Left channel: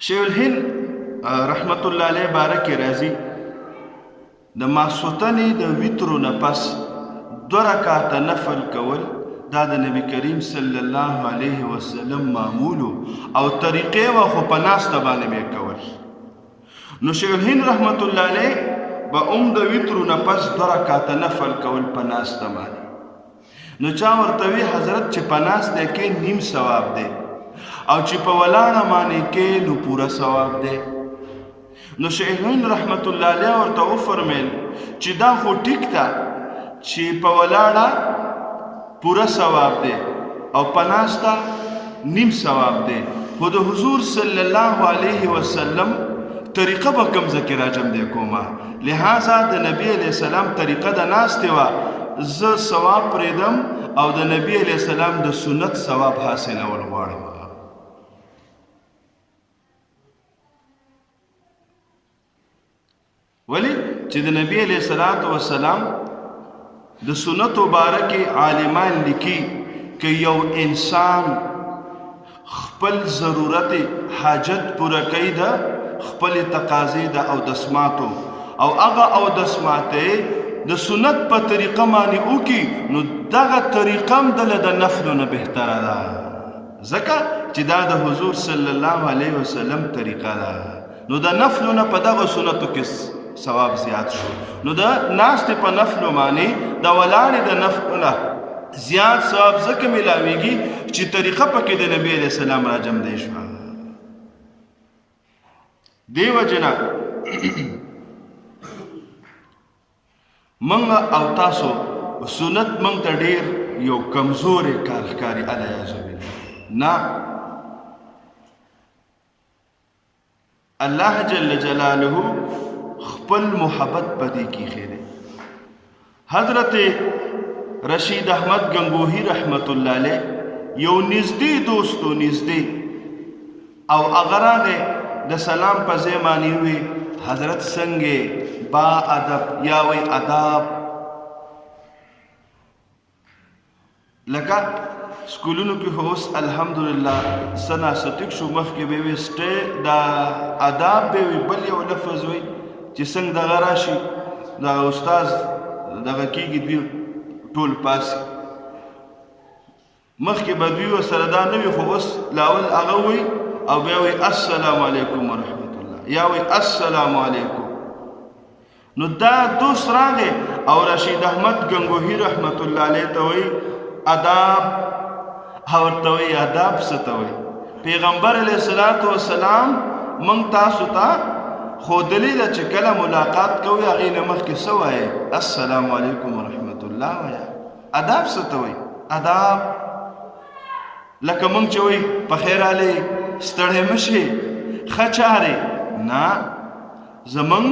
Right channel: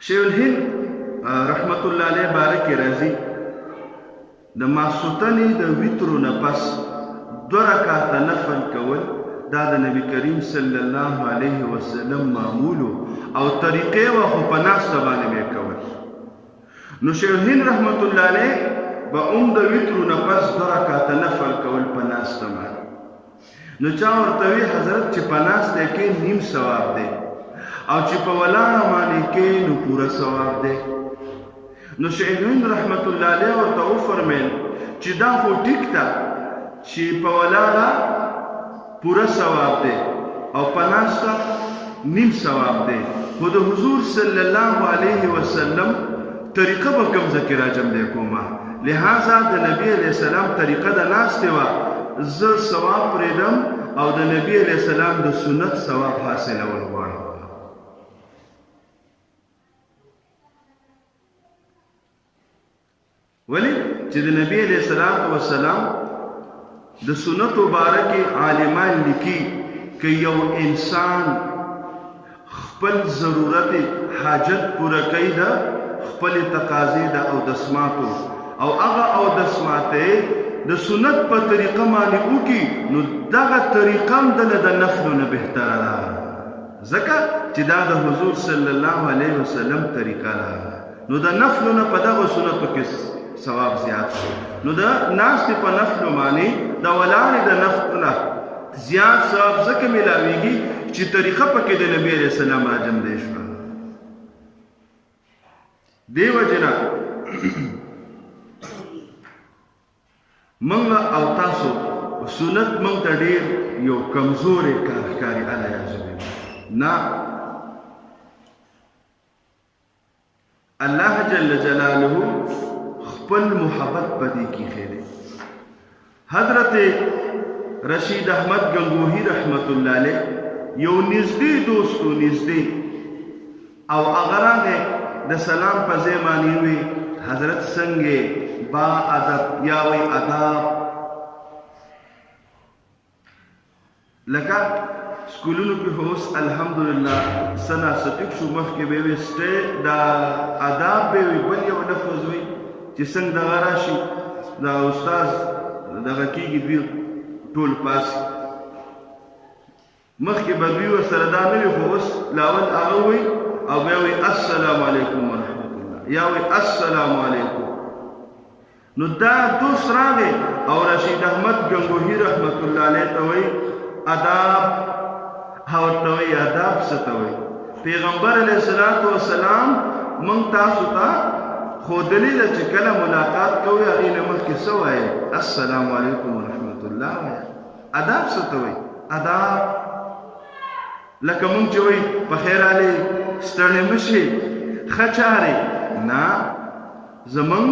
شیخ الهند رحمت الله علیه بارک راځي د ماسوتنې د ویترو نه پس 2 رکعاته نفل کول دا د نبی کریم صلی الله علیه وسلم معمولو او طریقې و خو په ناسته باندې به کول. نو شیخ الهند رحمت الله علیه به د ویترو نه پس 2 رکعاته نفل کول په ناسته باندې. نو چا ورته وی حضرت چې په ناسته کې نیم ثواب دی او چې په ولاړه باندې کې نو پوره ثواب دی. نو شیخ الهند رحمت الله علیه ورته وفرمیل چې دا خو ټیک ده چې په ولاړه پوره ثواب دی او په ناسته نیم ثواب دی، خو د حضور صلی الله علیه وسلم طریقه به کوم ځکه راجم دی کومه، لہذا د نبی علیہ السلام طریقه د ناستې وه زه ثواب پرېږدم او د نبی علیہ السلام د سنت ثواب حاصلول غواړم. ولی چې د نبی علیہ السلام د سنت مبارکې عالمان لیکي که یو انسان خپل ضرورت حاجت پوره کوي د خپل تقاضې د اودسماتو او هغه اودسماتې د سنت په طریقه باندې وکړي نو دغه طریقه هم دله د نفلو نه بهتره ده، ځکه چې دا د حضور صلی الله علیه وسلم طریقه ده. نو د نفلو نه په دغه سنتو کې ثواب زیات شو. نو د ناستې په نفلو باندې د ولاړې د نفلو نه زیات ثواب ځکه میلاویږي چې طریقه پکې د نبی علیہ السلام راجم دی شوه. دې وجې نه منګه او تاسو سنت منګ ته ډېر یو کمزورې کار ښکاري علیاذ بالله. نه، الله جل جلاله خپل محبت پدې کې خېره. حضرت رشید احمد گنگوہی رحمت الله علیه یو نږدې دوستو نږدې او اغراغه د سلام په ځای باندې وي حضرت څنګه با ادب یا وی ادب لکه سکولونو کې هوس الحمدلله سنا ستک شو مخکې به وسته دا ادب به بل یو لفظ وي چې څنګه دغه راشي دا استاد دغه کېږي دوی ټول پاس مخکې به دوی ورسره دا نه وي خو اوس لاول هغه وي او بیا وي السلام علیکم ورحمت الله یا وي السلام علیکم. نو دا دوست راغی او رشید احمد گنگوہی رحمت الله علیه ته وایي اداب او ورته وایي اداب څه ته وایي. پیغمبر علیه السلام موږ تاسو ته خودلی ده چې کله ملاقات کوي هغې نه مخکې څه وایي السلام علیکم ورحمت الله وایي. اداب څه ته وایي؟ اداب لکه موږ چې وایي په خیر علي ستړی مه شي ښه چارې نه. زموږ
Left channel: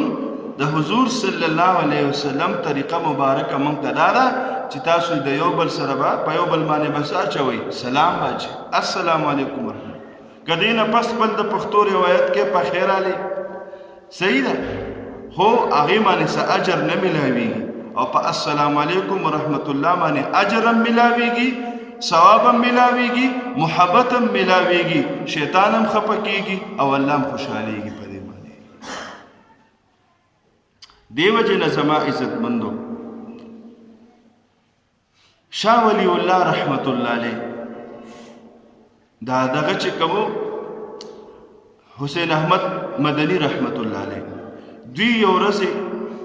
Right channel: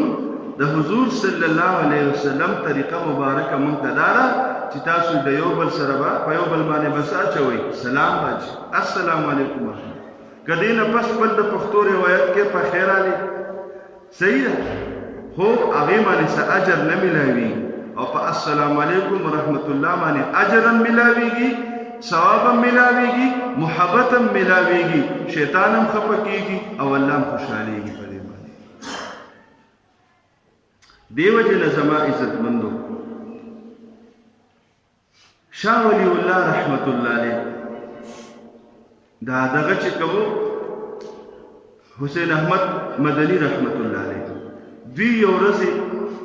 د حضور صلی الله علیه وسلم طریقه مبارکه موږ ته دا ده چې تاسو د یو بل سره به په یو بل باندې بس اچوئ سلام باچي السلام علیکم ورحمت. که دې نه پس بل د پښتو روایت کې په خیر علي صحیح ده خو هغې باندې څه اجر نه میلاویږي او په السلام علیکم ورحمت الله باندې اجر هم میلاویږي ثواب هم میلاویږي محبت هم میلاویږي شیطان هم خفه کیږي او الله هم خوشحالیږي په دې باندې. دې وجې نه زما عزتمندو شاه ولی الله رحمت الله علیه دا دغه چې کوو حسین احمد مدنی رحمت الله علیه دوی یو ورځ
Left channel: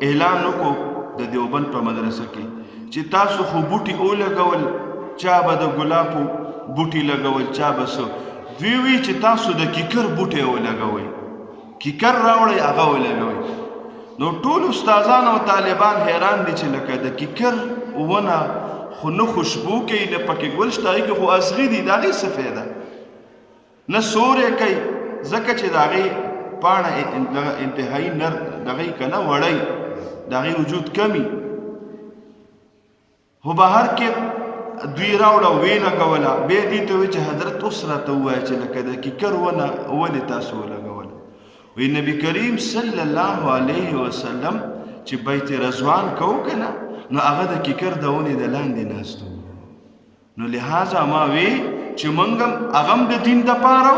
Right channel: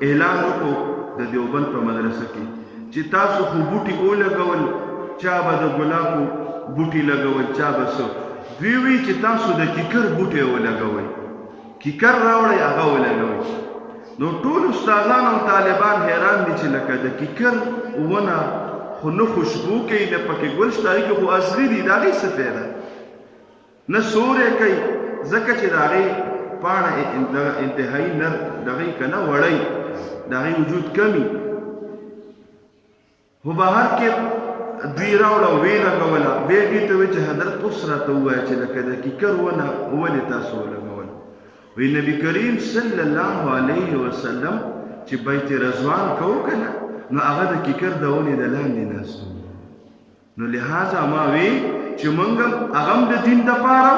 اعلان وکړو د دیوبند په مدرسه کې چې تاسو خو بوټي ولګول چا به د ګلابو بوټي لګول چا به څه. دوی وی چې تاسو د کیکر بوټي ولګوئ کیکر راوړئ هغه ولګوئ. نو ټول استادان او طالبان حیران دي چې لکه د کیکر ونه خو نه خوشبو کوي نه پکې ګل شته هغې کې خو اصغي دي د هغې څه فایده نه سوری کوي ځکه چې د هغې پاڼه انتهایي نر دغې که نه وړی د هغې وجود کمی خو بهر کې دوی راوړه ویې لګوله بیا دې ته وایي چې حضرت اوس راته ووایه چې لکه د کیکر ونه ولې تاسو ولګوله. وی نبی کریم صلی الله علیه وسلم چې بیت رضوان کوو که نه نو هغه د کیکر د ونې د لاندې ناست نو لہذا ما وی چې مونږ هغه د دین د پاره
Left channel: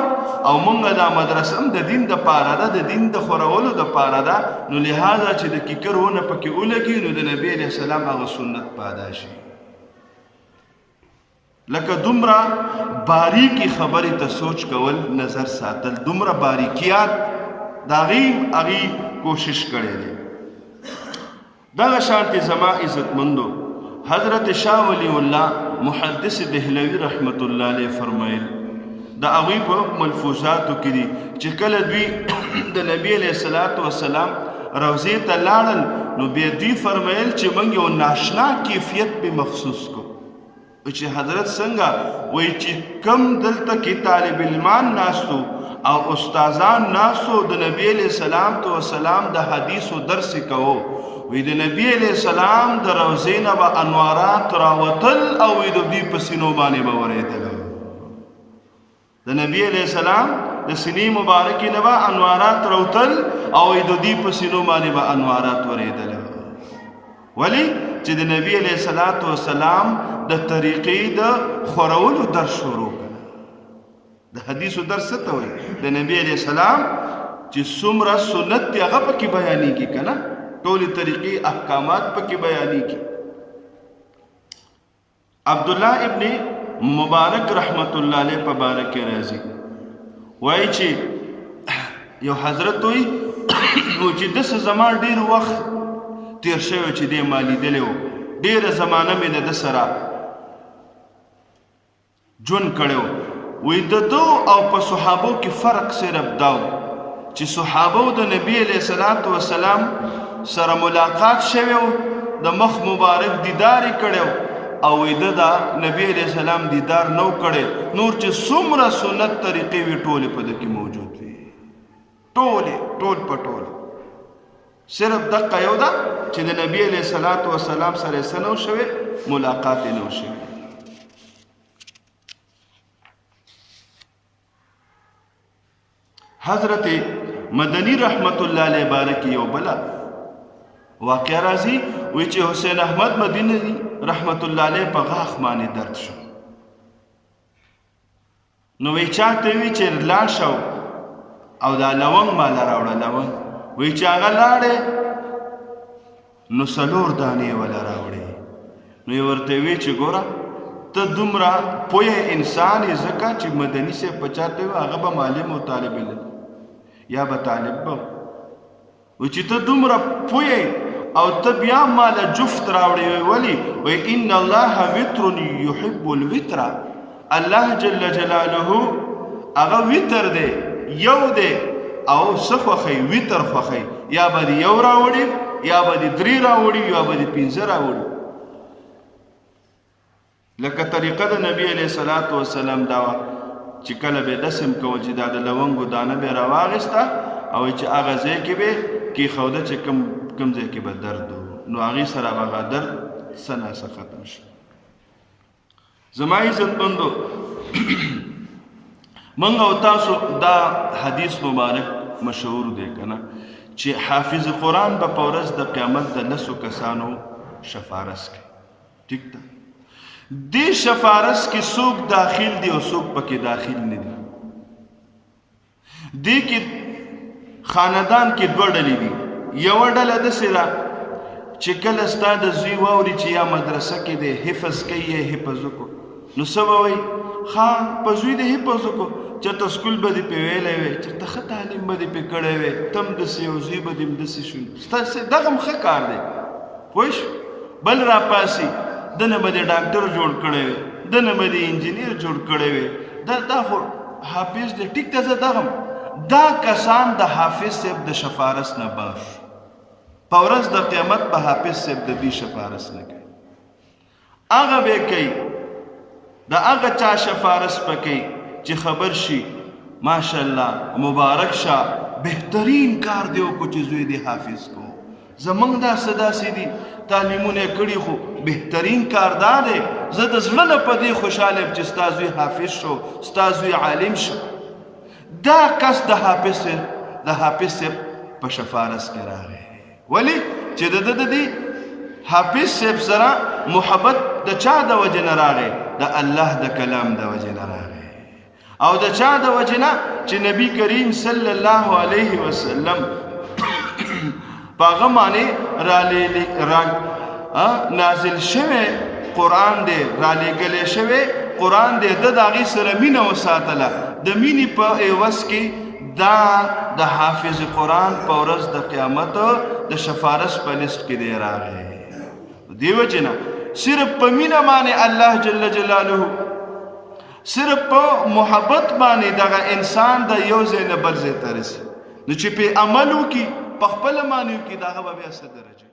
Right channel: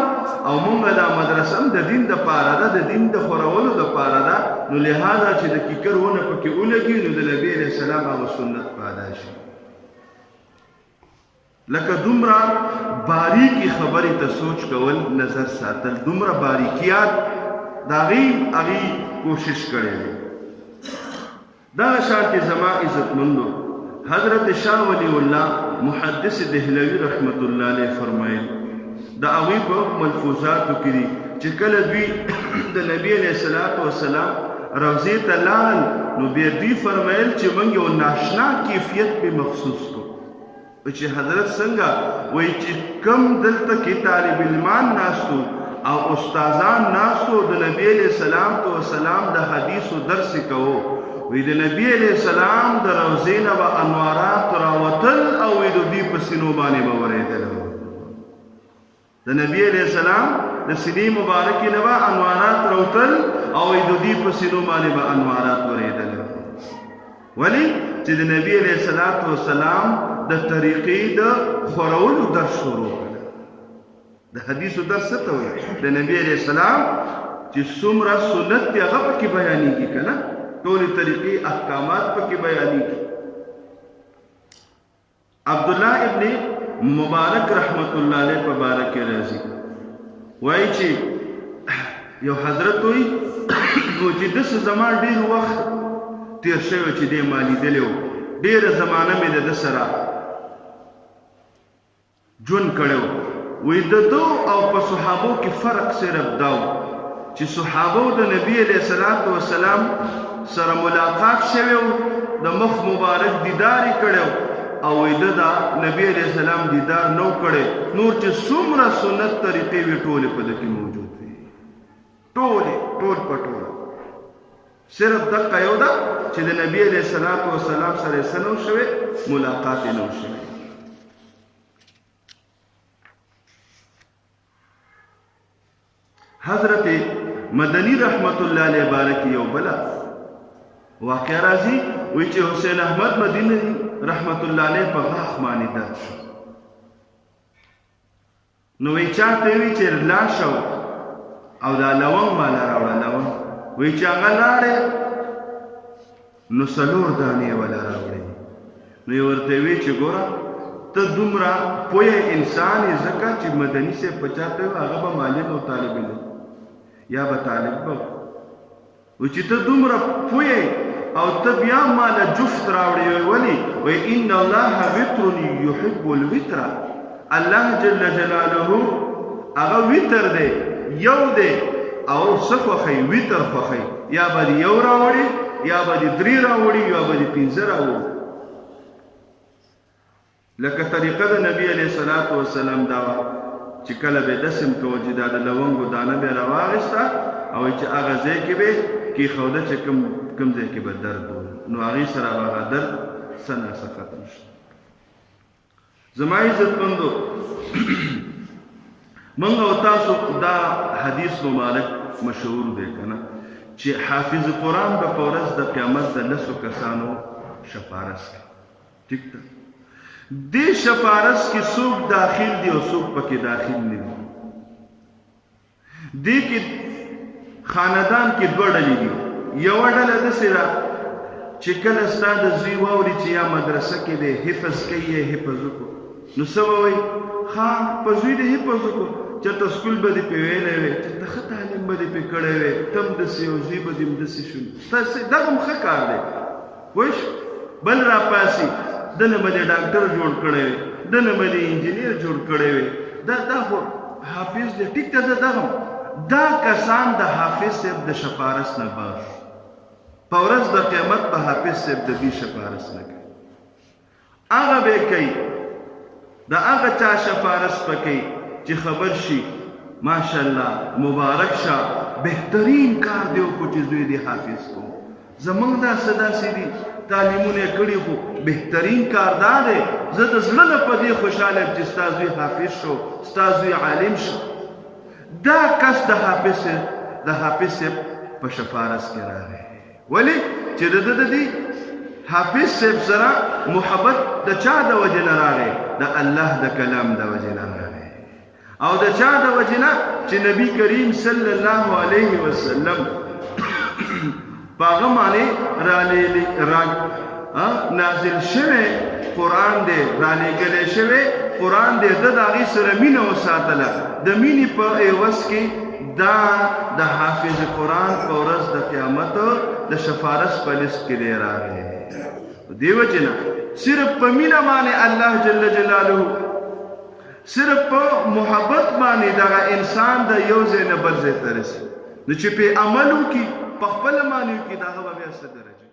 او مونږ دا مدرسه هم د دین د پاره ده، د دین د خورولو د پاره ده. نو لهذا چې د کیکر ونه پکې ولګي نو د نبی علیه السلام هغه سنت پیدا شي. لکه دومره باریکی خبرې ته سوچ کول، نظر ساتل، دومره باریکیات د هغې کوشش کړی دی. دغه شانتې زما عزتمندو حضرت شاه ولی الله محدث دهلوي رحمت الله علیه فرمایل د هغوی په ملفوظاتو کې دي چې کله دوی د نبی علیه السلام روضې ته لاړل نو بیا دوی فرمایل چې موږ یو ناشنا کیفیت به مخصوص کو چې حضرت څنګه وایي چې کم دلته کې طالب علمان ناستو او استادان ناستو د نبی علیه السلام د حدیثو درس کوو، وی د نبی علیہ السلام د روضې نه به انوارات راوتل او وی د دوی په سینو باندې به ورېدل. د نبی علیہ السلام د سینې مبارکې نه به انوارات راوتل او وی د دوی په سینو باندې به انوارات ورېدل. ولی چې د نبی علیہ السلام د طریقې د خورولو درس شروع کړه. د حدیثو درس څه ته وایي؟ د نبی علیہ السلام چې څومره سنت دی هغه پکې بیانېږي که نه، ټول طریقې احکامات پکې بیانېږي. عبدالله ابن مبارک رحمت الله علیه په باره کې راځي، وایي چې یو حضرت وایي چې داسې زما ډېر وخت تیر شوی چې دی ما لیدلی و، ډېره زمانه مې د ده سره ژوند کړی و. وایي د ده او په صحابو کې فرق صرف دا و چې صحابو د نبی علیه السلام سره ملاقات شوی و، د مخ مبارک دیدار یې کړی او ده دا نبی علیه السلام دیدار نو کړی، نور چې څومره سنت طریقې وي ټولې په ده کې موجود وي، ټول په ټول. صرف دقه یو ده چې د نبی علیه السلام سره یې څه نه و شوی، ملاقات یې نه و شوی. حضرت مدنی رحمت الله علیه باره کې یو بله واقعه راځي، وایي چې حسین احمد مدنی رحمت الله علیه په غاښ باندې درد شو. نو وایي چاته یې وایي چې لاړ شه او دا لونګ ماله راوړه. لونګ وایي چې هغه لاړې نو 4 دانې یې وله راوړې. نو یې ورته وایي چې ګوره ته دومره پوه انسان یې، ځکه چې مدني صاحب په چاته وایي هغه به معلم او طالب علم یا به طالب به و چې ته دومره پوه او ته بیا ماله جفت راوړې. ولې؟ وایي ان الله وتر یحب الوتر، الله جل جلاله هغه وتر دی، یو دی او څه خوښوي؟ وتر خوښوي. یا به دې یو راوړي، یا به دې 3 راوړي، یا به دې 5 راوړي. لکه طریقه د نبی علیه السلام دا وه چې کله به دسم کوه چې دا د لونګو دانه به راواغېسته او چې هغه ځای کې به کېښوده چې کوم ځای کې به درد و، نو هغې سره به هغه درد څه ناڅه ختم شو. زما عزتمندو موږ او تاسو دا حدیث مبارک مشهور دی که نه چې حافظ قرآن به په ورځ د قیامت د 10 کسانو شفارس کوي. ټیک ده؟ دې شفارس کې څوک داخل دي او څوک پکې داخل نه دي. دې کې خاندان کې 2 ډلې دي. یوه ډله داسې ده چې کله ستا د زوی واوري چې یا مدرسه کې دی حفظ کوي یا حفظ وکړو، نو څه به وایي؟ ښه په زوی دې حفظ وکړو، چېرته سکول به دې پرې ویلی وی، چېرته ښه تعلیم به دې پرې کړی وی، ته هم داسې او زوی به دې هم داسې شو. دغه هم ښه کار دی، پوه شو؟ بل راپاسي دنه به دې ډاکټر جوړ کړی وی، دنه به دې انجینیر جوړ کړی وی، دا خو حافظ دی. ټیک ته زه دغه دا کسان د حافظ صاحب د شفارس نه باش په ورځ د قیامت په حافظ صاحب د دوی شفارس نه کوي. هغه به کوي د هغه چا شفارس به کوي چې خبر شي ماشاءالله مبارک شه بهترین کار دی وکړو چې زوی دې حافظ کو. زمونږ دا څه داسې دي تعلیمونه یې کړي خو بهترین کار دا دی زه د زړه نه په دې خوشحاله یم چې ستا زوی حافظ شو، ستا زوی عالم شو. دا کس د حافظ صاحب په شفارس کې راغی. ولې؟ چې د حافظ صاحب سره محبت د چا د وجه نه راغی؟ د الله د کلام د وجه نه راغی. او د چا د وجه نه چې نبی کریم صلی الله علیه وسلم په هغه باندې نازل شوی قرآن دی، رالیږلی شوی قرآن دی، د هغې سره مینه وساتله. د مینې په عوض کې دا د حافظ قرآن په ورځ د قیامت د شفارس په لیست کې دی راغلی. دې وجې نه صرف په مینه باندې الله جل جلاله، صرف په محبت باندې دغه انسان د یو ځای نه بل ځای ته رسي. نو چې پې عمل وکړي، په خپله باندې وکړي، د هغه به بیا څه درجه